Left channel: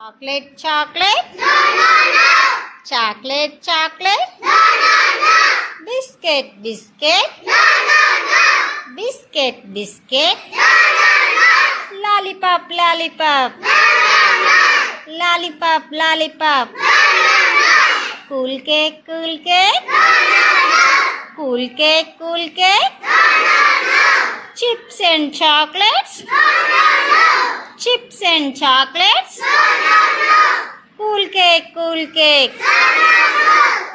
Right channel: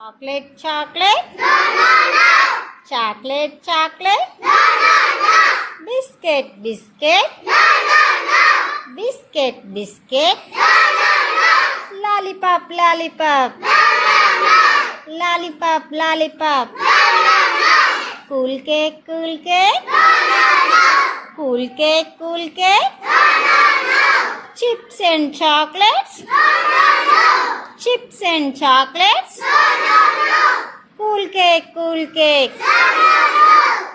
Chocolate, chocolate. No, no, no. Chocolate, chocolate. No, no, no. Biscuit, biscuit. No, no, no. Biscuit, biscuit. No, no, no. Lollipop, lollipop. No, no, no. Lollipop, lollipop. No, no, no. Cool cake, cool cake. No, no, no. Cool cake, cool cake. No, no, no. Chips and chocolates. No, no, no. Chips and chocolates. No, no, no. Cool cake, cool cake. No, no, no.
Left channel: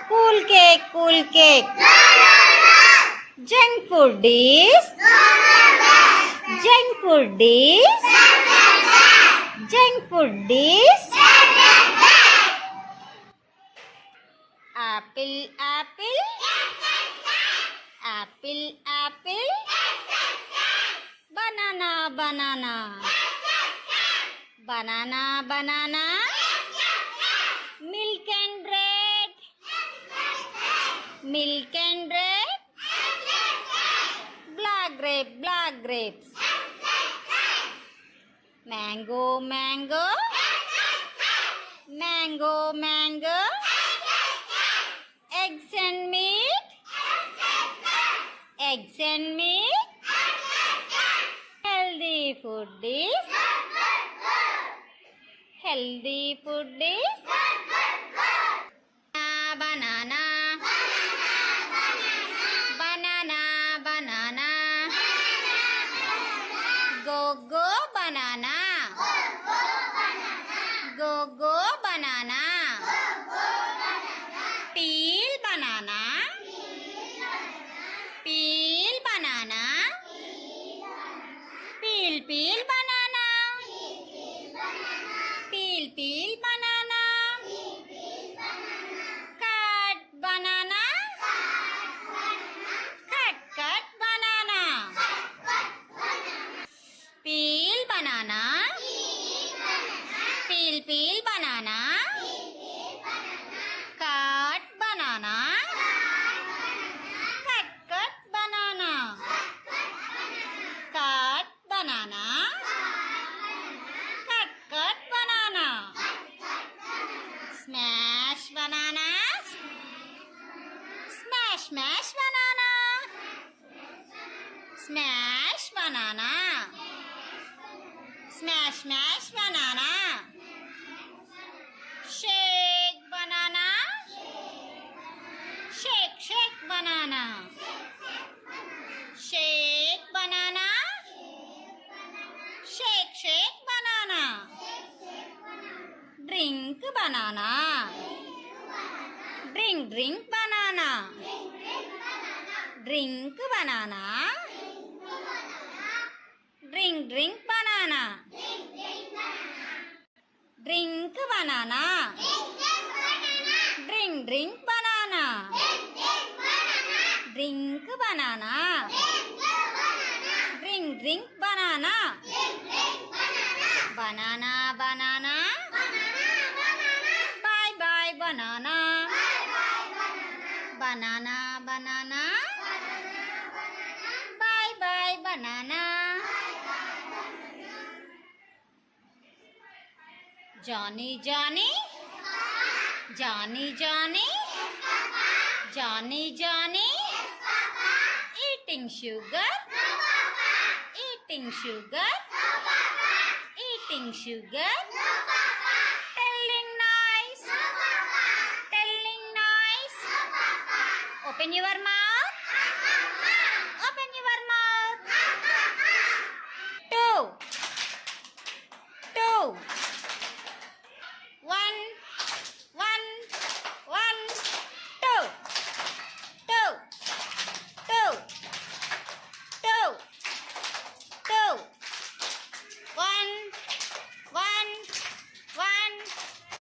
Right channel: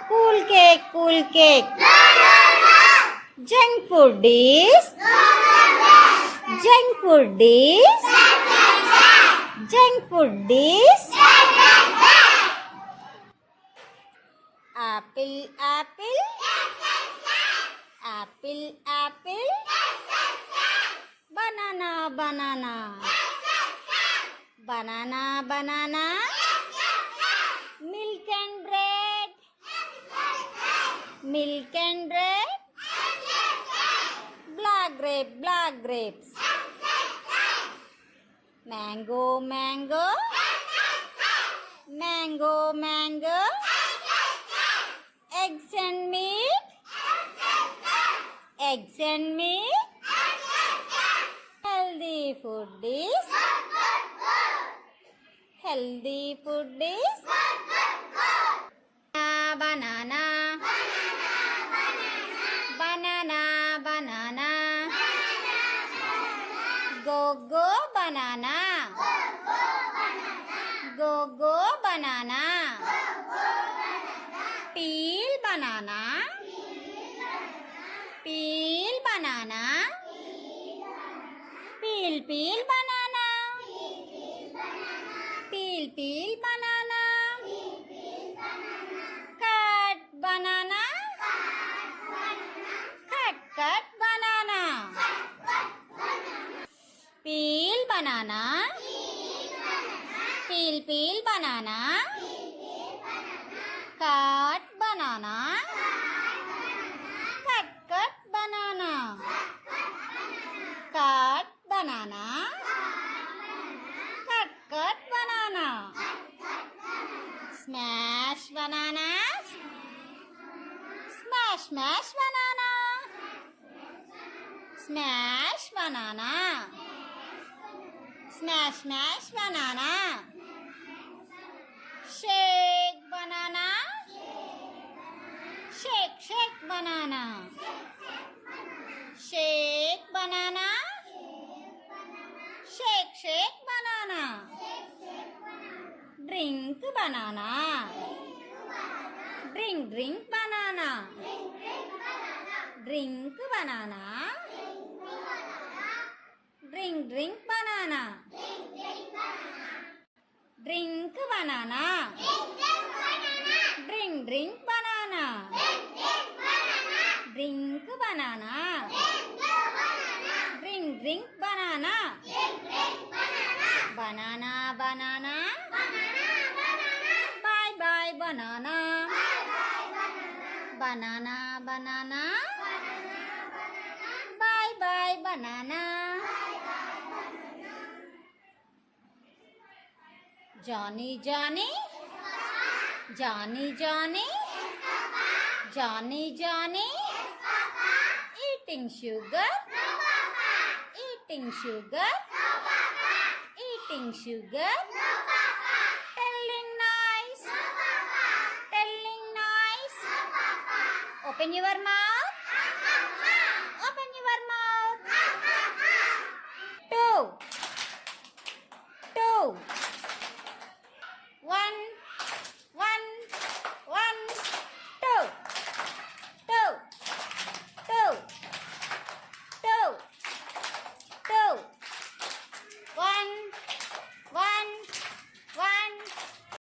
Cool cake, cool cake. No, no, no. Junk food is. Junk food is. Junk food is. Apple, apple. Apple, apple. Banana, banana. Banana, banana. Milk and bread. Milk and bread. Black grape, black grapes. Mango, mango. Mango, mango. Eggs and meat. Eggs and meat. Healthy food is. Healthy food is. Banana. Banana, banana. Go, go, banana. Go, go, banana. Peel banana. Peel banana. Peel, peel banana. Peel, peel banana. Cut banana. Cut, cut banana. Peel banana. Peel, peel banana. Cut banana. Cut, cut banana. Cut banana. Cut, cut banana. Smash bananas. Smash, smash banana. Smash banana. Smash, smash banana. Shake banana. Shake, shake banana. Shake banana. Shake, shake banana. Drink banana. Drink, drink banana. Drink banana. Drink, drink banana. Drink banana. Drink, drink banana. Drink banana. Drink, drink banana. Banana, banana. Bye, bye, banana. Banana, banana. Bye, bye, banana. Johnny, Johnny. Johnny, Johnny. Johnny, Johnny. Eating sugar. Eating sugar. Eating sugar. Telling nice. Telling nice. Open your mouth.